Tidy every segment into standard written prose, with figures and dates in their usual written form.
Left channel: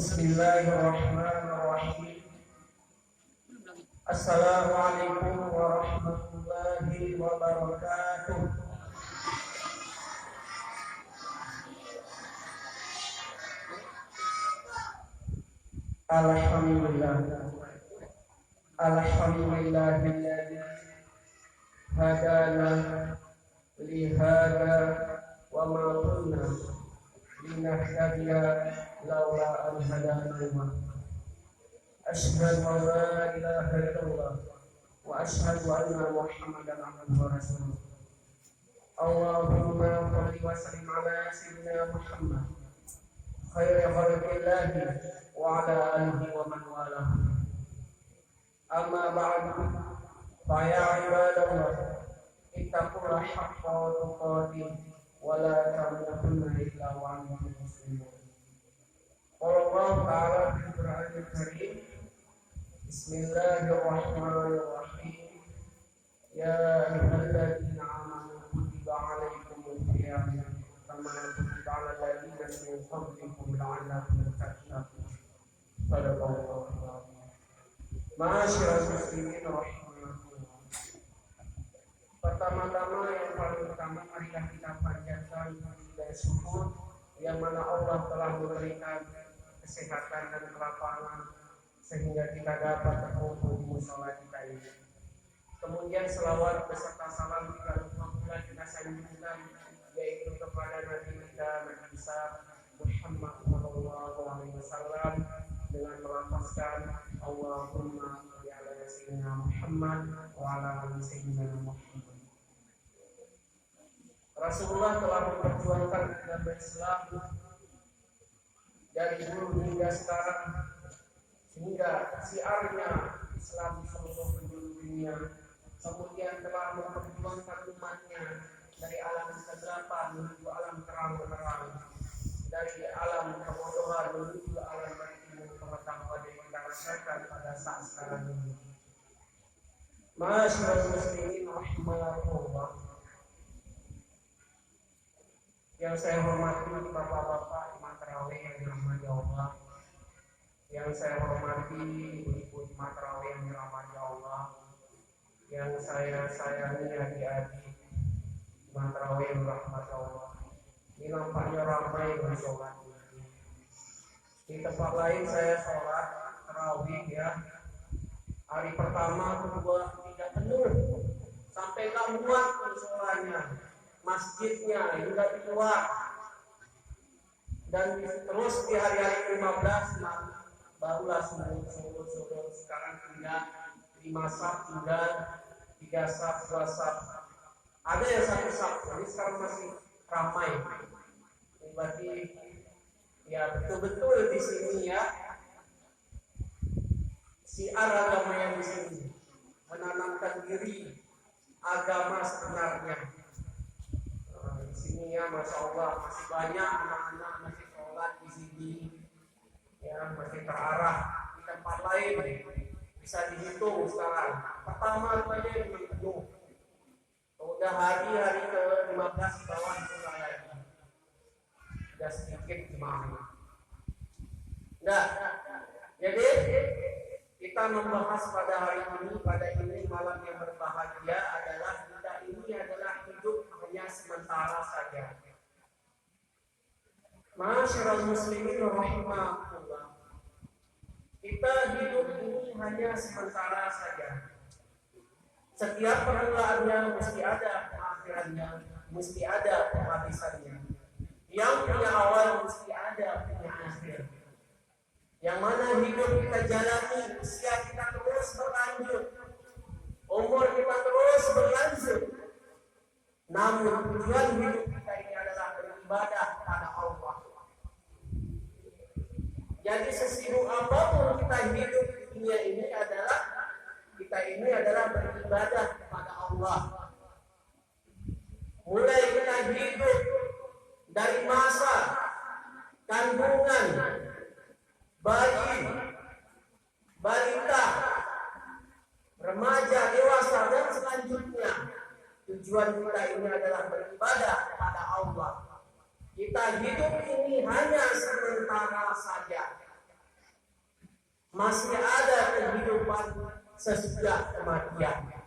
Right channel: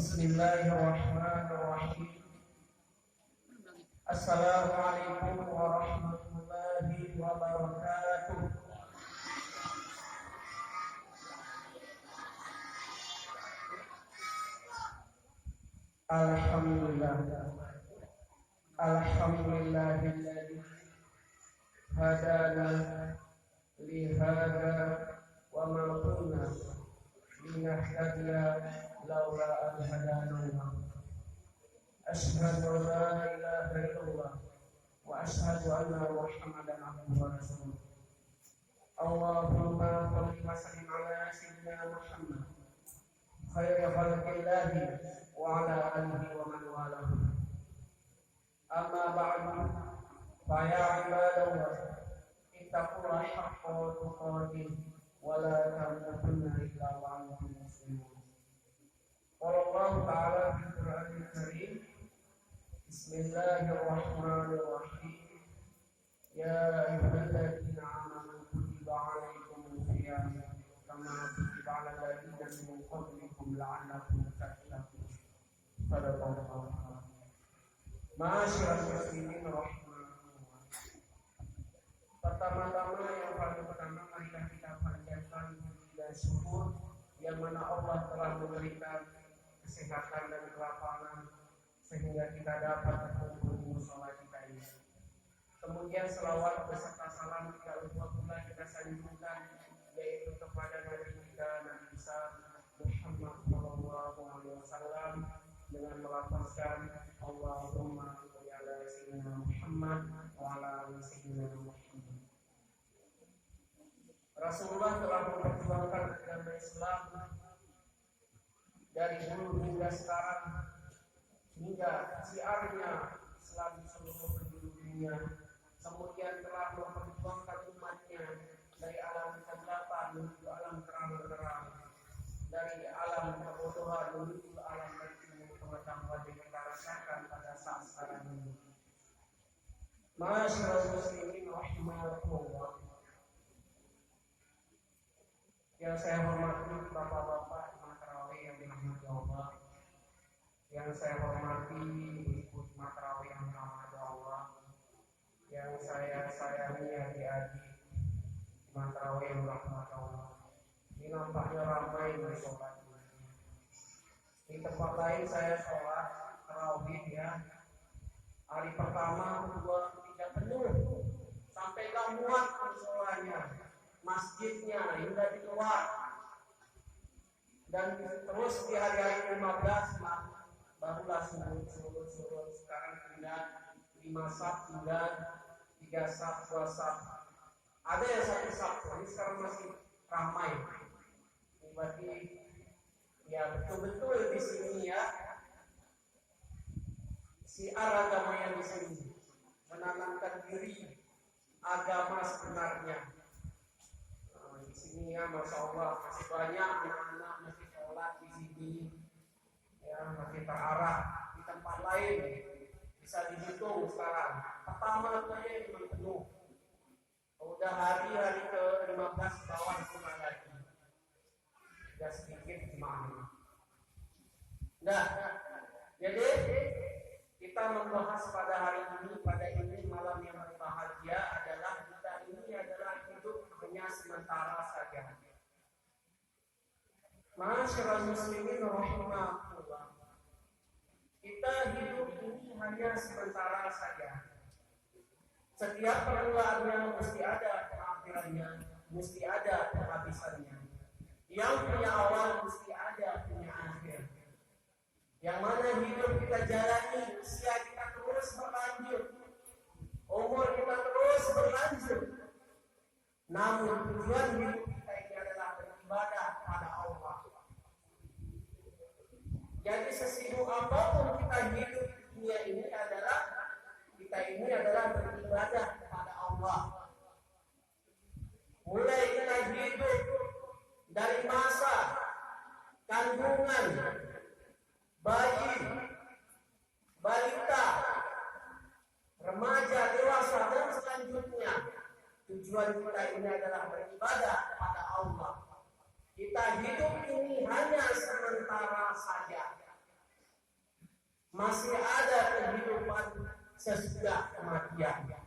Bismillahirrahmanirrahim. Assalamualaikum warahmatullahi wabarakatuh. Alhamdulillahilladzi hadana li hadza wa ma kunna linahtadiya laula an hadana Allah. Asyhadu an la ilaha illallah wa asyhadu anna Muhammadan abduhu wa rasuluh. Allahumma shalli wa sallim ala sayyidina Muhammad khairi khalqillahi wa ala alihi wa man walahu. Amma ba'du, fa ya ibadallah, ittaqullaha haqqa tuqatih wa la tamutunna illa wa antum muslimun. Allah Ta'ala fil Qur'anil Karim, Bismillahirrahmanirrahim. Ya ayyuhalladzina amanu kutiba 'alaikumus shiyam kama kutiba 'alal ladzina min qablikum la'allakum tattaqun. Shadaqallahu al-'azim. Ma'asyiral muslimin rahimakumullah. Pertama-tama yang paling utama marilah kita panjatkan puji dan syukur yang mana Allah telah memberikan kesehatan dan kelapangan sehingga kita dapat berkumpul di mushola kita ini. Kemudian selawat beserta salam kita pula kita sanjungkan yaitu kepada Nabi kita Nabi Isa Muhammad sallallahu alaihi wasallam dengan melafazkan Allahumma shalli ala sayyidina Muhammad wa ala ali sayyidina Muhammad. Rasulullah telah memperjuangkan agama Islam dari dulu hingga sekarang, sehingga siarnya Islam di seluruh penjuru dunia. Kemudian telah memperjuangkan umatnya dari alam kegelapan menuju alam terang-terang, dari alam kebodohan menuju alam ilmu pengetahuan yang kita rasakan pada saat sekarang ini. Ma'asyiral muslimin rahimakumullah. Yang saya hormati bapak-bapak imam tarawih yang dirahmati Allah, yang saya hormati ibu imam tarawih yang dirahmati Allah, yang saya sayangi adik-adik imam tarawih yang dirahmati Allah. Ini nampaknya ramai yang sholat. Di tempat lain saya sholat tarawih ya, hari pertama, kedua, tiga penuh sampai gak muat sholatnya. Masjidnya hingga di luar, dan terus di hari-hari 15 barulah surut. Sekarang tinggal 5 saf, tinggal 3 saf, 2 saf, ada yang 1 saf. Jadi sekarang masih ramai. Ini berarti ya betul-betul di sini ya siar agama yang di sini menanamkan diri agama sebenarnya. Di sini ya, masya Allah masih banyak anak-anak masih sholat di sini, ya masih terarah. Di tempat lain bisa dihitung sekarang. Pertama saja yang penuh. Udah hari-hari ke-15 bawah mulai lagi. Sudah sedikit jemaah. Nah, jadi kita membahas pada hari ini malam yang berbahagia adalah kita ini adalah hidup hanya sementara saja. Ma'asyiral muslimin rahimakumullah. Kita hidup ini hanya sementara saja. Setiap perenggaannya mesti ada pengakhirannya, mesti ada penghabisannya. Yang punya awal mesti ada punya akhir. Yang mana hidup kita jalani, usia kita terus berlanjut, umur kita terus berlanjut. Namun tujuan hidup kita ini adalah beribadah pada Allah. Jadi sesibuk apapun kita hidup di dunia ini adalah kita ini adalah beribadah Allah. Mulai kita hidup dari masa kandungan, bayi, balita, remaja, dewasa, dan selanjutnya. Tujuan kita ini adalah beribadah kepada Allah. Kita hidup ini hanya sementara saja. Masih ada kehidupan sesudah kematian.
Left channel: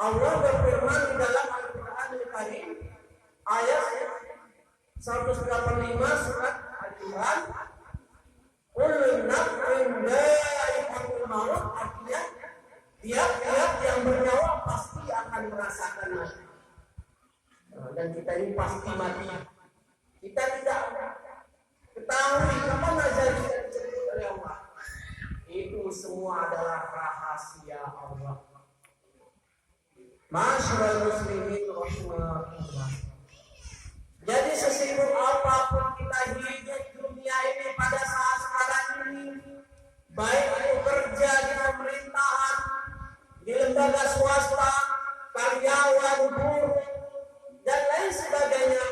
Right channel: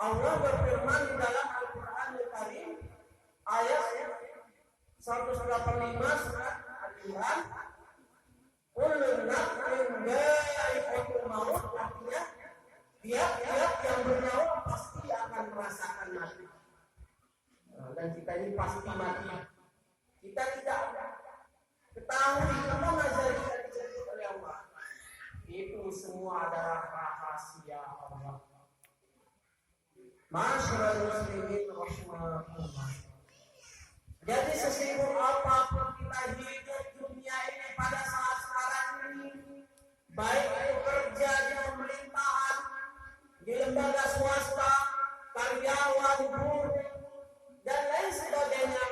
Allah berfirman di dalam Al-Quran Al-Karim ayat 185 surat Al-Imran, kullu nafsin dha'iqatul maut, artinya tiap-tiap yang bernyawa pasti akan merasakan mati. Dan kita ini pasti mati. Kita tidak ketahui kapan ajal kita dijemput oleh Allah. Itu semua adalah rahasia Allah. Masyaallah muslimin rahimakumullah. Jadi sesibuk apapun kita hidup dunia ini pada saat sekarang ini, baik itu kerja di pemerintahan, di lembaga swasta, karyawan, buruh, dan lain sebagainya,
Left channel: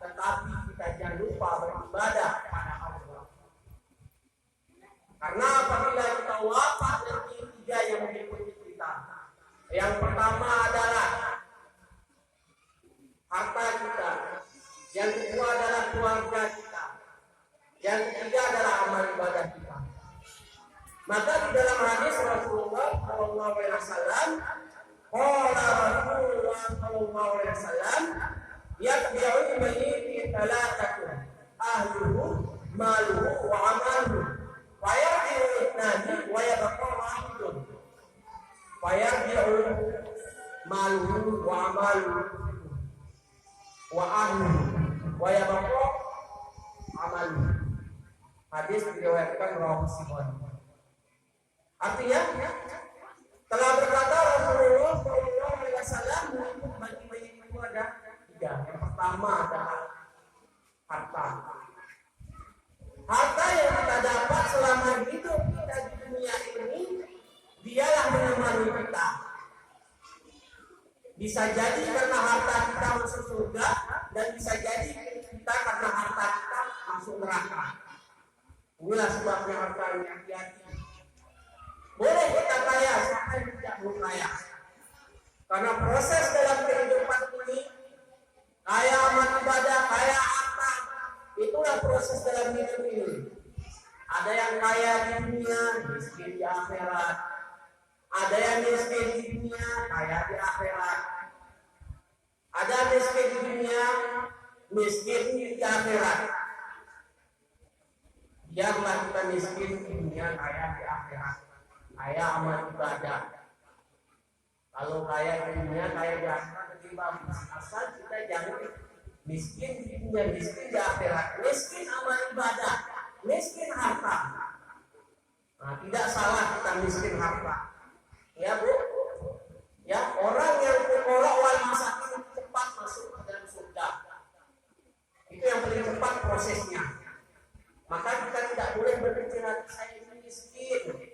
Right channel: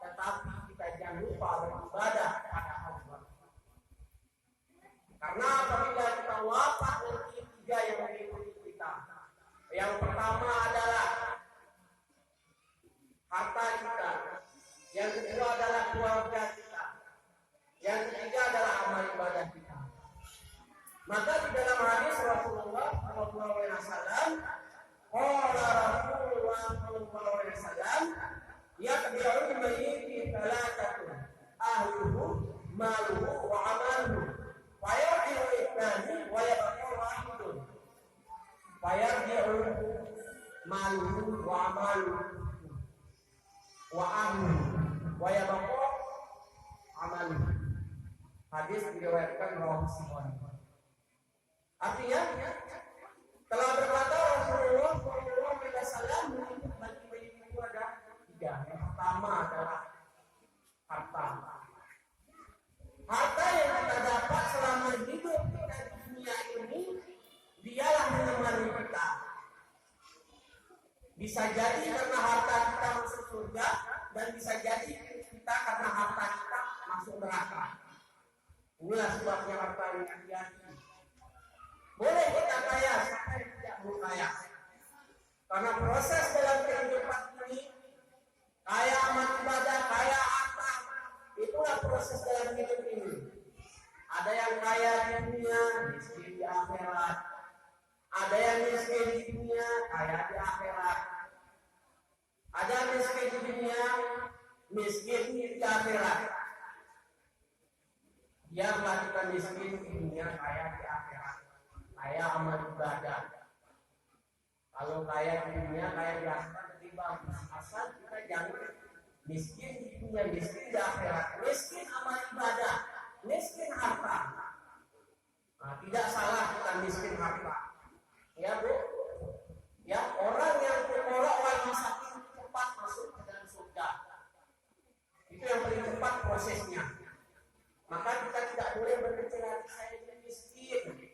tetapi kita jangan lupa beribadah kepada Allah. Karena apabila kita wafat, nanti tiga yang mengikuti kita. Yang pertama adalah harta kita, yang kedua adalah keluarga kita, yang ketiga adalah amal ibadah kita. Maka di dalam hadis Rasulullah sallallahu alaihi wasallam, qala Rasulullah sallallahu alaihi wasallam, yatbi'ul mayyit thalathatun, ahluhu, maluhu, wa amaluhu, wa yarji'u ithnani wa yabqa wahidun. Wa yarji'u maluhu wa amaluhu wa ahluhu wa yabqa amaluhu. Hadis diriwayatkan oleh Muslim. Artinya telah berkata Rasulullah sallallahu alaihi wasallam, bagi mayit itu ada tiga. Yang pertama adalah harta. Harta yang kita dapat selama hidup kita di dunia ini, dialah menemani kita. Bisa jadi karena harta kita masuk surga, dan bisa jadi kita karena harta kita masuk neraka. Inilah sebabnya harta yang hati-hati. Boleh kita kaya, siapa yang tidak mau kaya? Karena proses dalam kehidupan ini, kaya amal ibadah, kaya harta, itulah proses dalam hidup ini. Ada yang kaya di dunia, miskin di akhirat. Ada yang miskin di dunia, kaya di akhirat. Ada miskin di dunia, miskin di akhirat. Biarlah kita miskin di dunia, kaya di akhirat. Kaya amal ibadah. Kalau kaya di dunia, kaya di akhirat lebih bagus. Asal kita jangan miskin di dunia, miskin di akhirat. Miskin amal ibadah, miskin harta. Nah, tidak salah kita miskin harta. Ya Bu, ya orang yang berkolak wal masakin cepat masuk ke dalam surga. Itu yang paling cepat prosesnya. Maka kita tidak boleh berpikir saya ini miskin,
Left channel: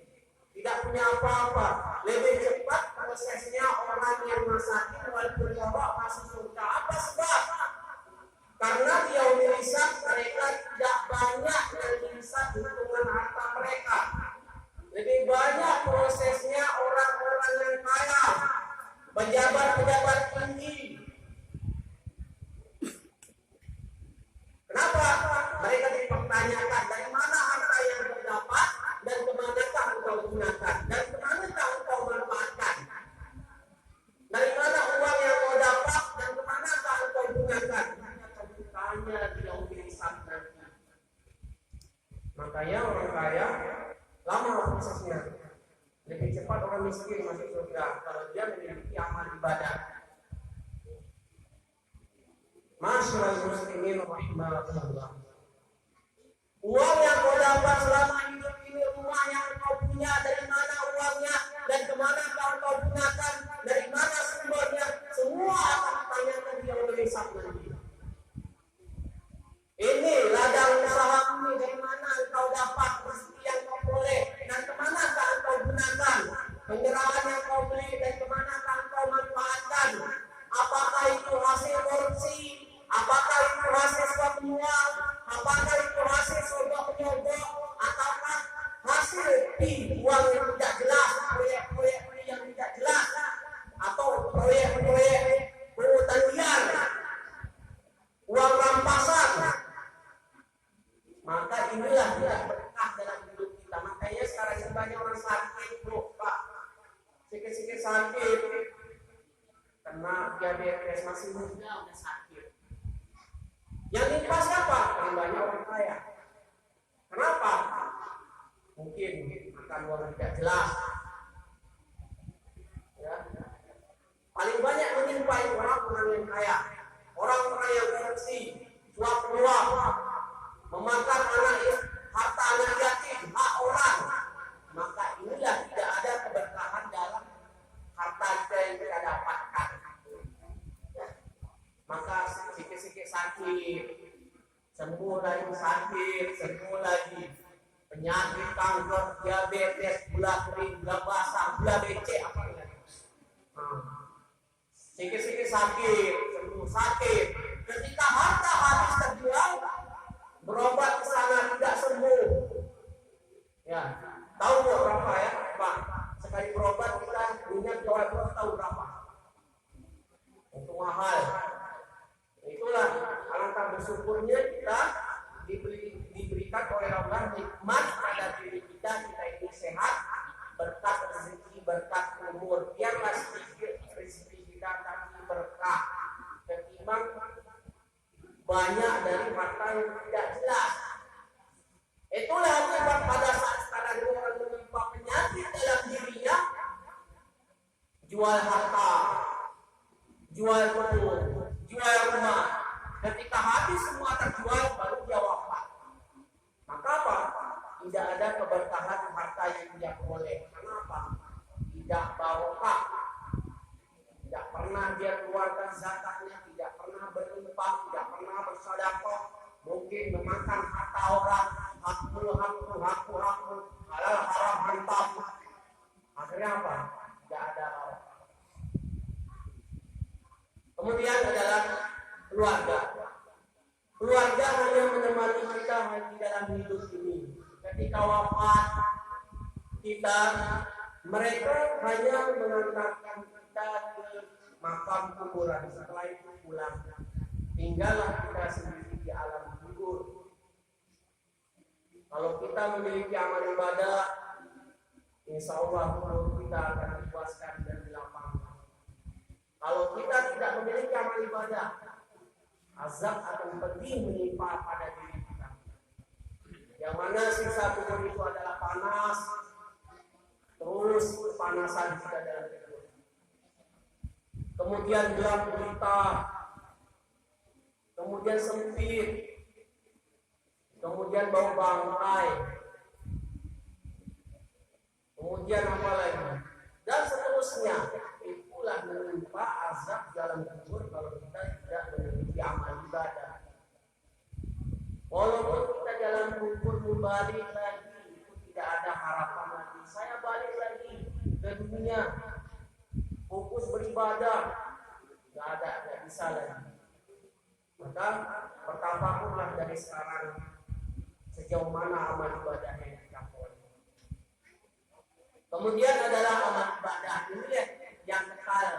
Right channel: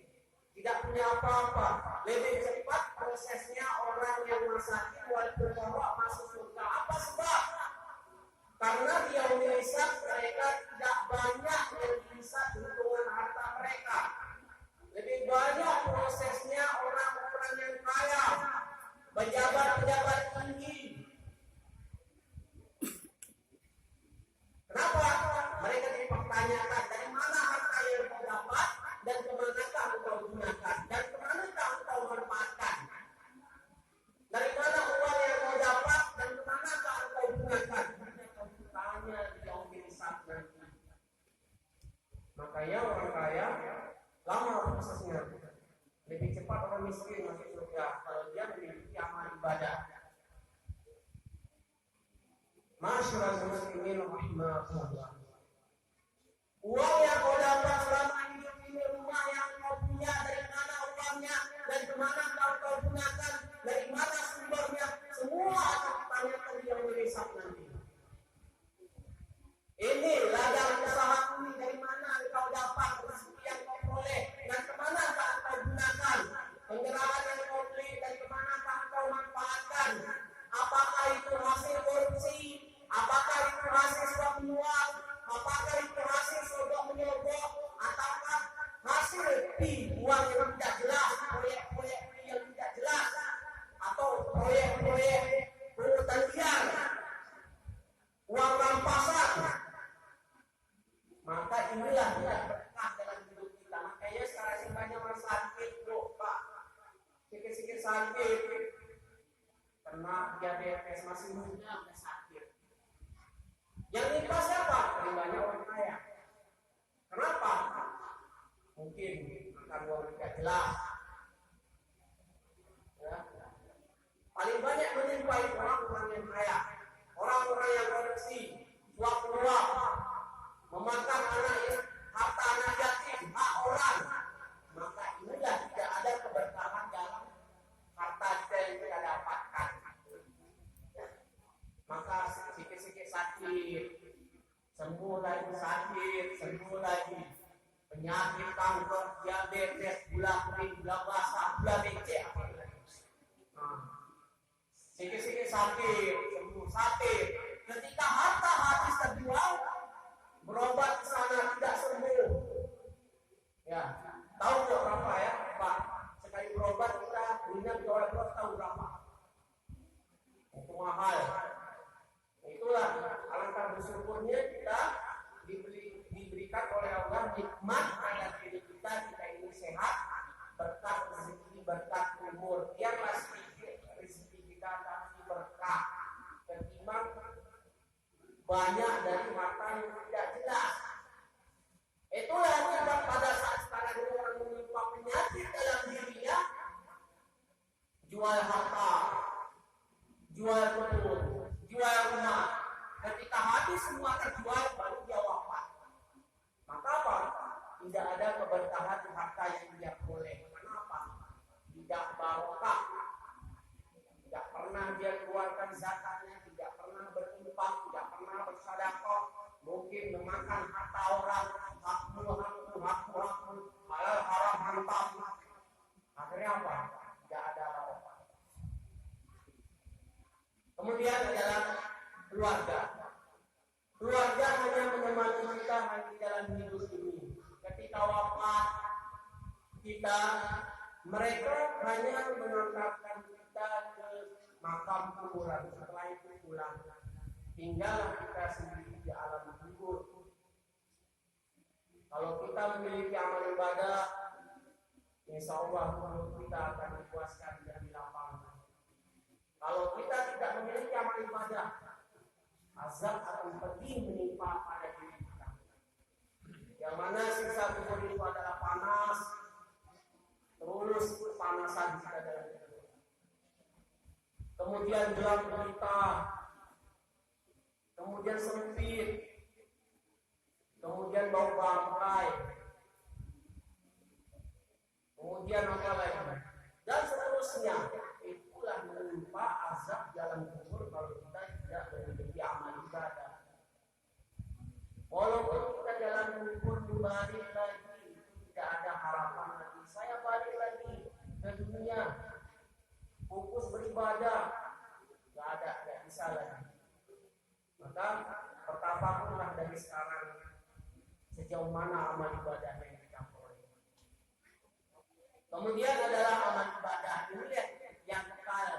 tidak punya apa-apa. Lebih cepat prosesnya orang yang masakin wal berkolak masuk surga. Apa sebab? Karena di yaumil hisab mereka tidak banyak yang bisa hitungan harta mereka. Lebih banyak prosesnya orang-orang yang kaya, pejabat-pejabat tinggi. Kenapa? Mereka dipertanyakan dari mana harta yang kau dapat dan kemanakah engkau gunakan dan kemanakah engkau manfaatkan. Dari mana uang yang kau dapat dan kemanakah engkau gunakan. Kau ditanya di yaumil hisab nanti. Makanya orang kaya lama prosesnya. Lebih cepat orang miskin masuk surga kalau dia memiliki amal ibadah. Masyaallah muslimin rahimakumullah. Uang yang kau dapat selama hidup ini, rumah yang kau punya, dari mana uangnya dan kemana kau gunakan, dari mana sumbernya, semua akan ditanyakan di yaumil hisab nanti. Ini ladang usaha ini, dari mana engkau dapat rezeki yang kau peroleh dan kemana engkau gunakan, penyerahan yang kau beli dan kemana engkau Sikit-sikit sakit, kena diabetes masih muda udah sakit. Yang nimpa siapa? Paling orang kaya. Kenapa? Mungkin makan uang tidak jelas. Ya. Paling banyak menimpa itu orang-orang yang kaya, orang-orang yang korupsi, suap menyuap, memakan harta anak yatim, hak orang. Maka inilah tidak ada keberkahan dalam harta yang kita dapatkan. Maka sikit-sikit sakit, sembuh lagi sakit, sembuh lagi. Penyakit kanker, diabetes, gula kering, gula basah, gula becek, apa lagi? Sikit-sikit sakit, sembuh sakit. Ketika harta habis terjual, berobat ke sana tidak sembuh. Ya, tahu berapa ya, Pak? Sekali berobat kita minyak jawa tahu berapa? Itu mahal. Itulah alangkah bersyukurnya kita diberikan oleh Allah nikmat pada diri kita ini sehat, berkat rezeki, berkat umur. Biarlah rezeki kita tapi berkah ketimbang banyak dari harta yang tidak jelas. Itulah sebab pada saat sekarang orang menimpa penyakit dalam dirinya, jual harta, jual kebun, jual rumah. Ketika habis semua terjual, baru dia wafat. Maka apa? Tidak ada keberkahan harta yang dia peroleh. Kenapa? Tidak barokah. Tidak pernah dia keluarkan zakatnya, tidak pernah berinfak, tidak pernah bersedekah. Mungkin memakan harta orang, hakmu, halal haram hantam. Akhirnya apa? Tidak ada barokah. Kemudian adalah keluarga. Keluarga hanya menemani kita di dalam hidup ini. Ketika wafat kita, mereka hanya mengantarkan kita ke makam kuburan. Setelah itu pulang, tinggallah kita sendiri di alam kubur. Kalau kita memiliki amal ibadah, insya Allah kubur kita akan dipuaskan dan dilapangkan. Kalau kita tidak memiliki amal ibadah, azab akan pedih menimpa pada diri kita. Yang mana sisa kubur itu adalah panas, terus panasan kita dalam kubur. Kemudian gelap gulita, kemudian sempit, kemudian bau bangkai, kemudian apa lagi? Dan seterusnya. Itulah menimpa azab dalam kubur kalau kita tidak memiliki amal ibadah. Walaupun kita dalam kubur balik lagi, itu tidak ada harapan lagi. Saya balik lagi ke dunia, fokus beribadah, nggak bisa lagi. Maka bertafakurlah dari sekarang sejauh mana amal ibadah yang kita peroleh. Kemudian adalah amal ibadah ini yang kekal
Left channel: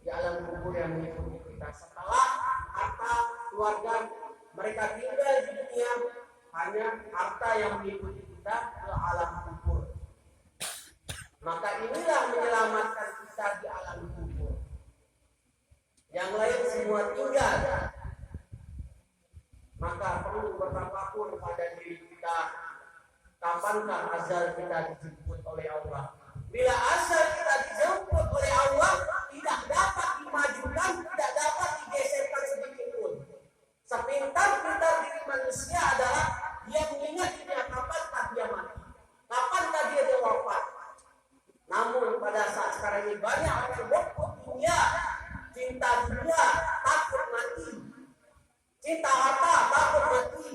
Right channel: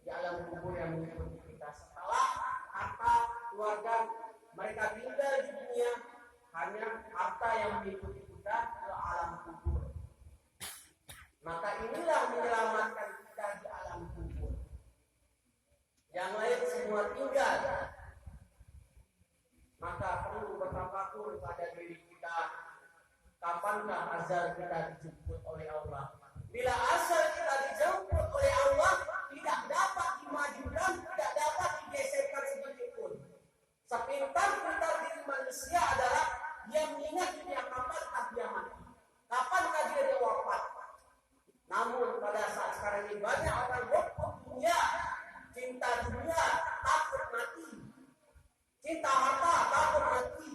di alam kubur yang mengikuti kita. Setelah harta keluarga mereka tinggal di dunia, hanya harta yang mengikuti kita ke alam kubur. Maka inilah menyelamatkan kita di alam kubur. Yang lain semua tinggal. Maka perlu bertafakur pada diri kita. Kapankah azal kita dijemput oleh Allah? Bila asal kita dijemput oleh Allah, tidak dapat dimajukan, tidak dapat digeserkan sedikit pun. Sepintar-pintar diri manusia adalah dia mengingat dia kapankah dia mati, kapankah dia wafat. Namun pada saat sekarang ini banyak orang hubung dunia, cinta dunia, takut mati, cinta harta, takut mati.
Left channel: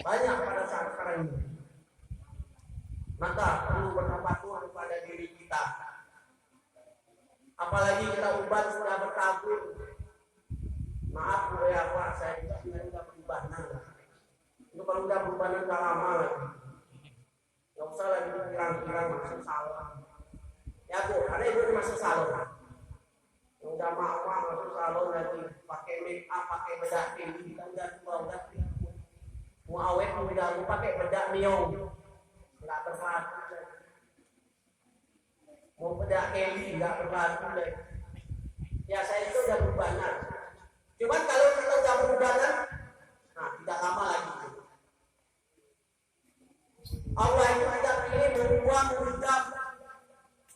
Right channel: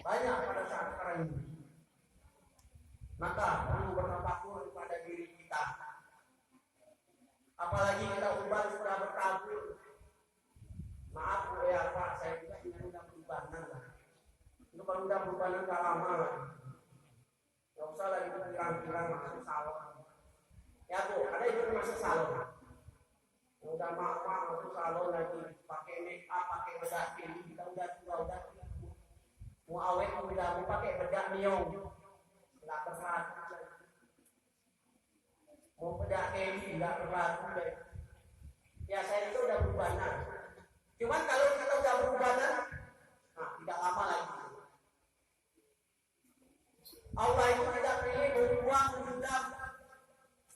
Banyak pada saat sekarang ini. Maka perlu bertafakur kepada diri kita. Apalagi kita ubat sudah berkabur. Maaf ya Pak, saya juga sudah berubah lah. Itu kalau udah berubah nggak lama lah. Nggak usah lagi pirang-pirang masuk salon. Ya Bu, ada ibu masuk salon. Udah maaf masuk salon lagi, pakai make up, pakai bedak tinggi, kita udah tua, udah kripu. Mau awet, mau pakai bedak neon. Nggak berlaku lagi. mau beda Eli nggak berlaku deh. Ya saya itu udah berubahan. Cuman kalau kita udah berubahan, nah tidak lama lagi. Allah itu tidak pilih berubah berubah.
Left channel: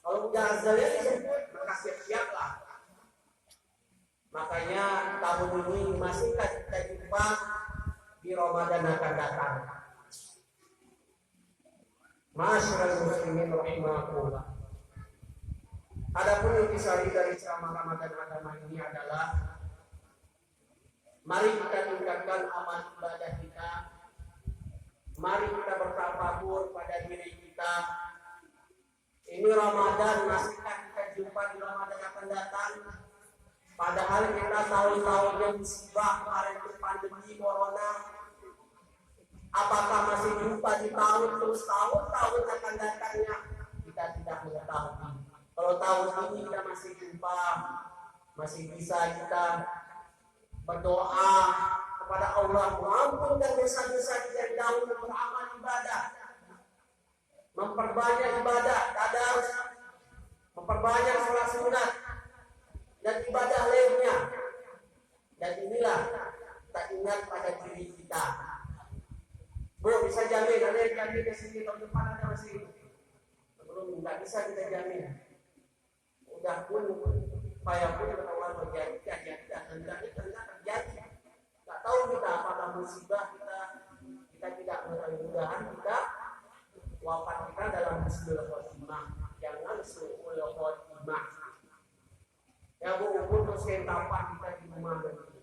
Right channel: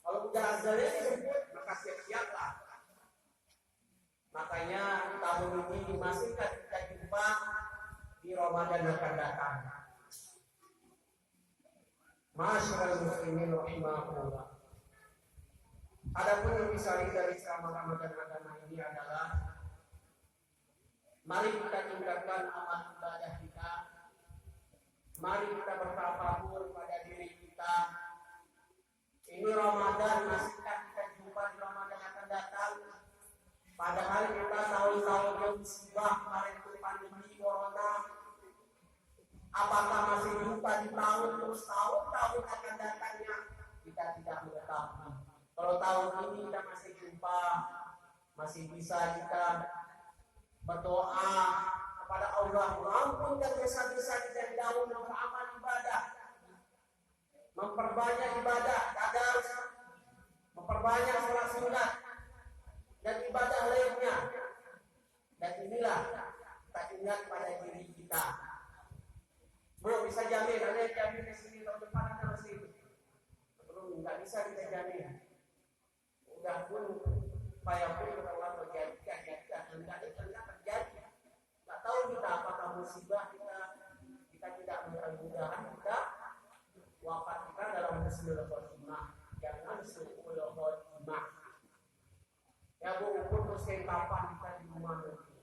Kalau udah azalnya disebut, maka siap-siaplah. Makanya tahun ini masih kita jumpa di Ramadan akan datang. Masyarul muslimin rahimakumullah. Adapun intisari dari ceramah Ramadan agama ini adalah mari kita tingkatkan amal ibadah kita. Mari kita bertafakur pada diri kita. Ini Ramadan, masihkah kita jumpa di Ramadan akan datang? Padahal kita tahun-tahun yang musibah kemarin itu pandemi corona. Apakah masih jumpa di tahun terus tahun akan datangnya? Kita tidak mengetahui. Kalau tahun ini kita masih jumpa, masih bisa kita berdoa kepada Allah mengampunkan dosa-dosa kita yang dahulu, beramal ibadah, memperbanyak ibadah, tadarus, memperbanyak sholat sunat dan ibadah lainnya. Dan inilah kita ingat pada diri kita. Bu, bisa jamin, ada yang jamin ke sini tahun depan ada masih belum, nggak bisa kita jamin. Udah pun supaya pun ketahuan terjadi dan tidak terjadi. Tak tahu kita apakah musibah kita tidak mudah-mudahan kita wafat kita dalam husnul khotimah, jangan suul khotimah. Ya Bu, terus kapan kita di rumah nanti.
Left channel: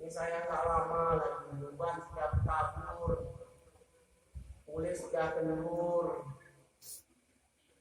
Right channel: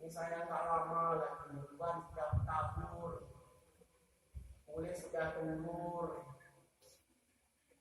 Ini saya nggak lama lagi, beban sudah kabur, kulit sudah kendur.